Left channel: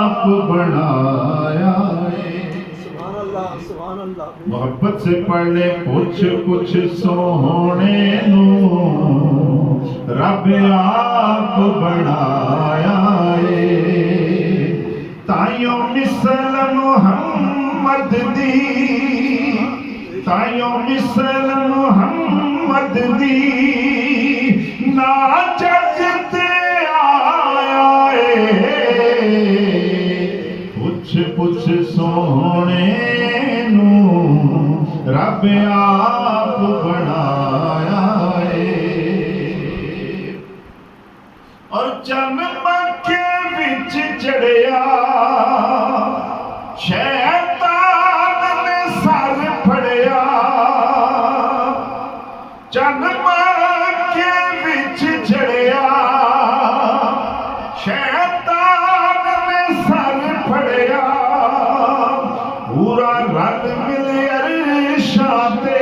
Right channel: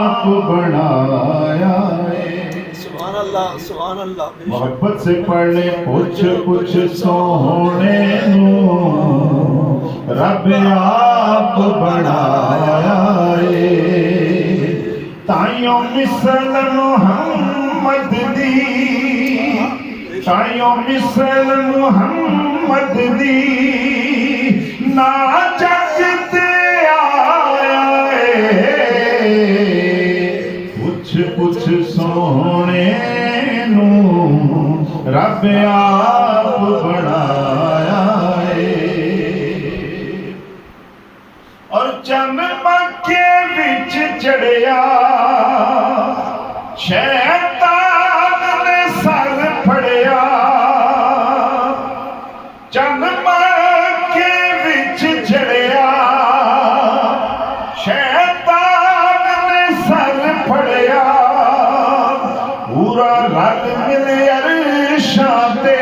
आप बनाया मोहब्बत से पढ़े कुछ सोने नू रब आप बनाया ताइयों मिसल मुहम्मद दी ताइयों मिसल मुहम्मद दी ना जगते आया कुछ सोने नू रब आप बनाया और चन मक्के विच चढ़िया शैतान ने सर फड़िया चन मक्के विच चढ़िया शैतान ने सर फड़िया पूरा रल मिले अरशां ते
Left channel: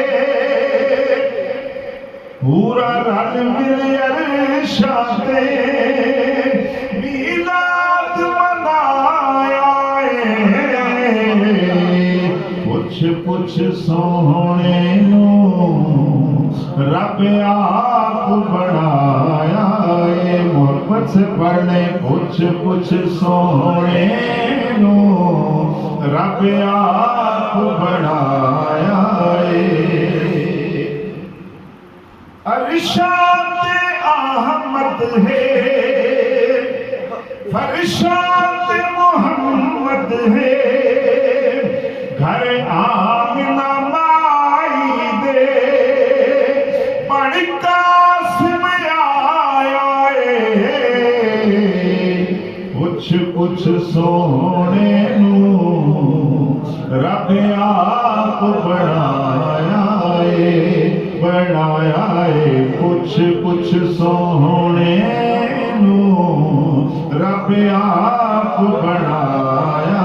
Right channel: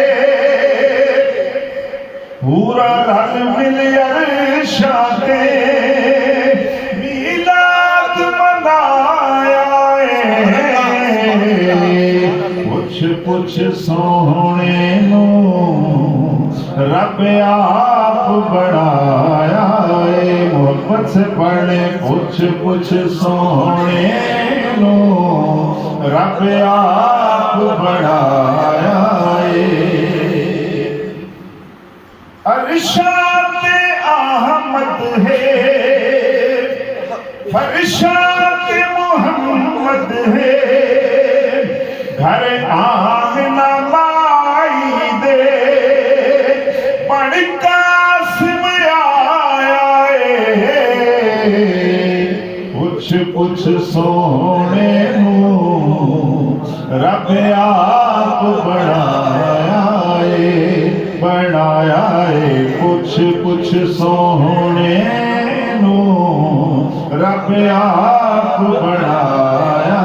पूरा रल मिले अरशां ते मीलाद मनाया कुछ सोने नू रब आप बनाया मोहब्बत से पढ़े कुछ सोने नू रब आप बनाया अरशाद अहमद है फरशाद मोहम्मद है घर आमिना माई दे बड़ कासिम आया कुछ सोने नू रब आप बनाया कुछ सोने नू रब आप बनाया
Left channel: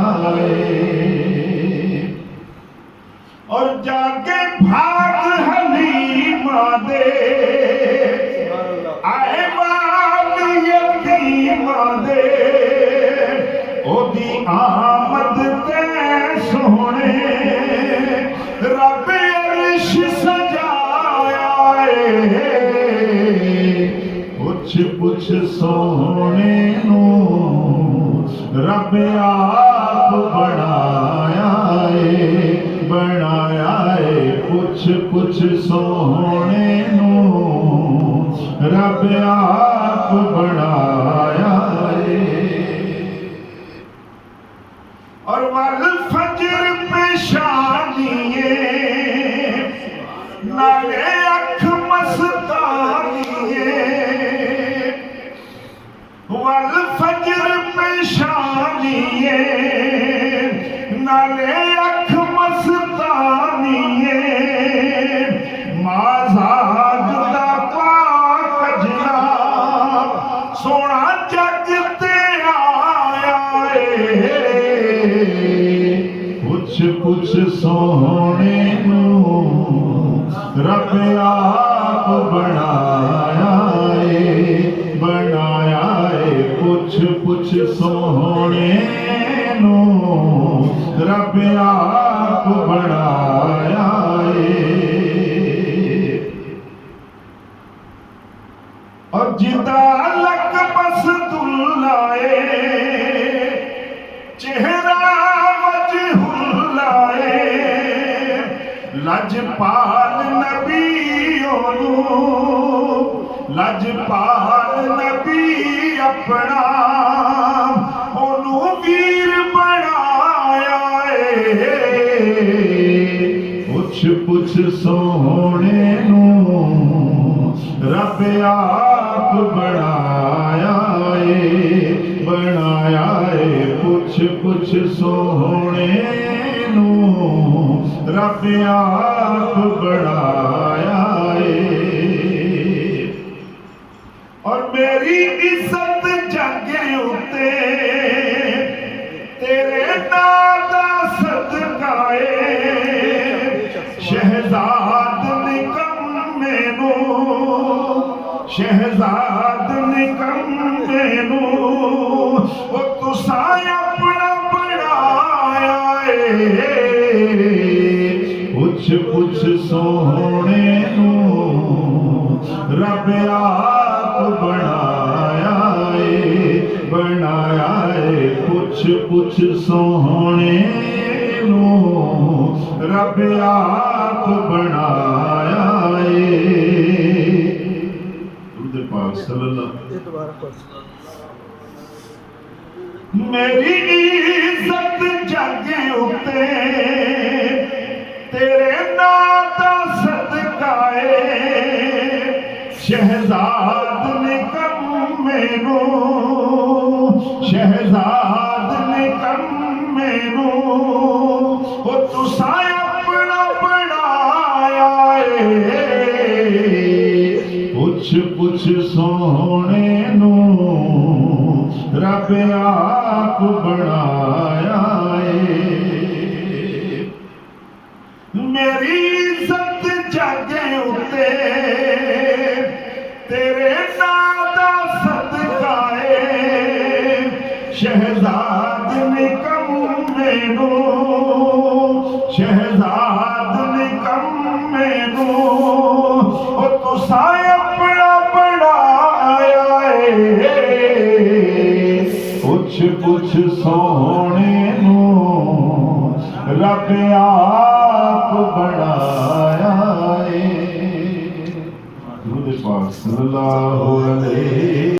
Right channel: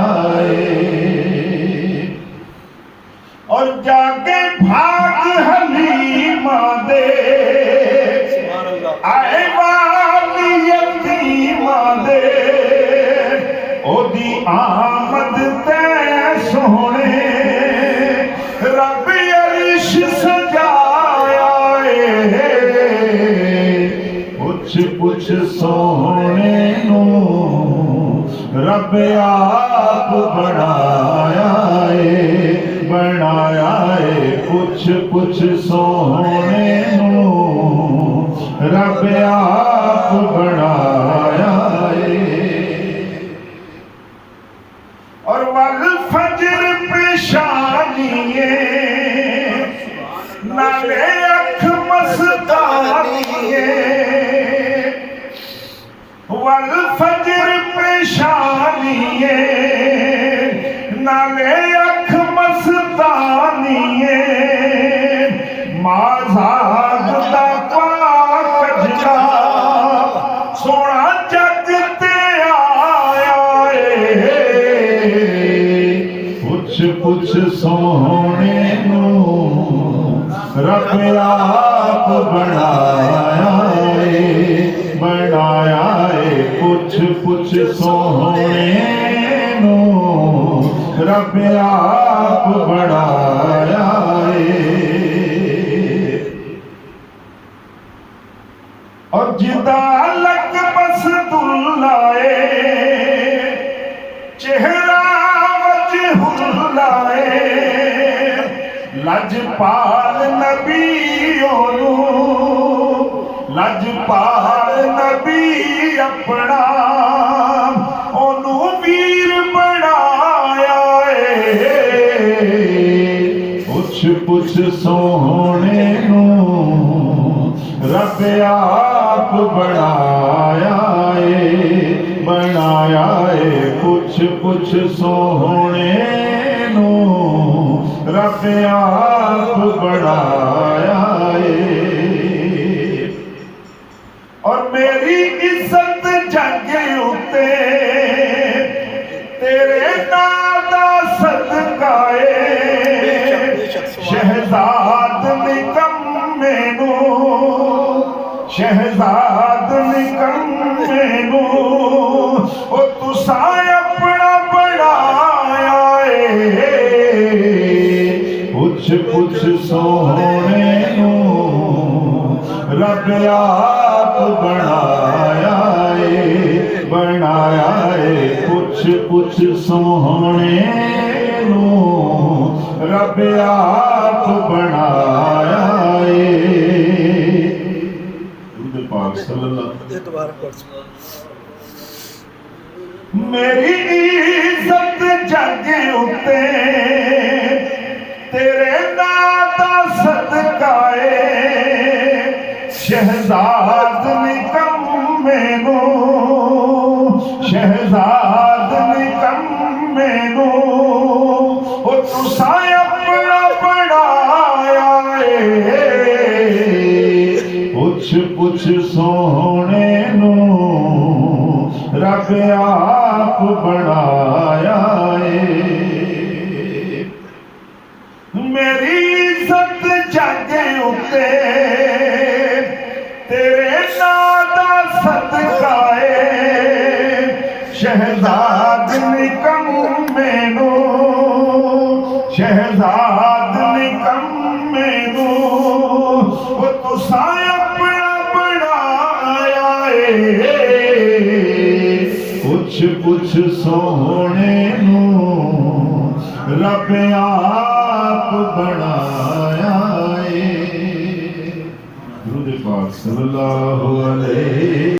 और जाके भाग हलीमा दे आए वाली यतीमा दे ओदी आमद ते सोने रब अरश सजाया कुछ सोने नू रब आप बनाया कुछ सोने नू रब आप बनाया और वल फजर पेशानिए नाले अख मस्तानिए वल फजर पेशानिए नाले अख मस्तानिए माज़ाद दा पाक जनाब सोना जग ते आया कुछ सोने नू रब आप बनाया कुछ सोने नू रब आप बनाया और जिदा लक बसदुल्लाए चेहरा वजहुल्लाए लजपाल नबियों नू लजपाल नबी अपना ओनू वीर बनाया कुछ सोने नू रब आप बनाया कुछ सोने नू रब आप बनाया और मेरी इज्जत जग उते तेरे नाम दा सदकाए शहजाद निकम्मे नू शहजाद निकम्मे नू ओ तुसा अपने सोहणे नूं रब आप बनाया है पुछ सोहणे नूं रब आप बनाया है। दुरूद पाक सल्लल्लाहु मेरी इज्जत जग उते तेरे नाम दा सदका है शहजाद निकम्मे नूं शहजाद निकम्मे नूं ओ तुसा अपना बनाया है पुछ सोहणे नूं रब आप बनाया है। मेरी इज्जत जग उते तेरे नाम दा सदका है शहजाद निकम्मे नूं शहजाद निकम्मे नूं ओ तुसा अपना बनाया है पुछ सोहणे नूं रब आप बनाया है। दुरूद पाक सल्लल्लाहु अलैहि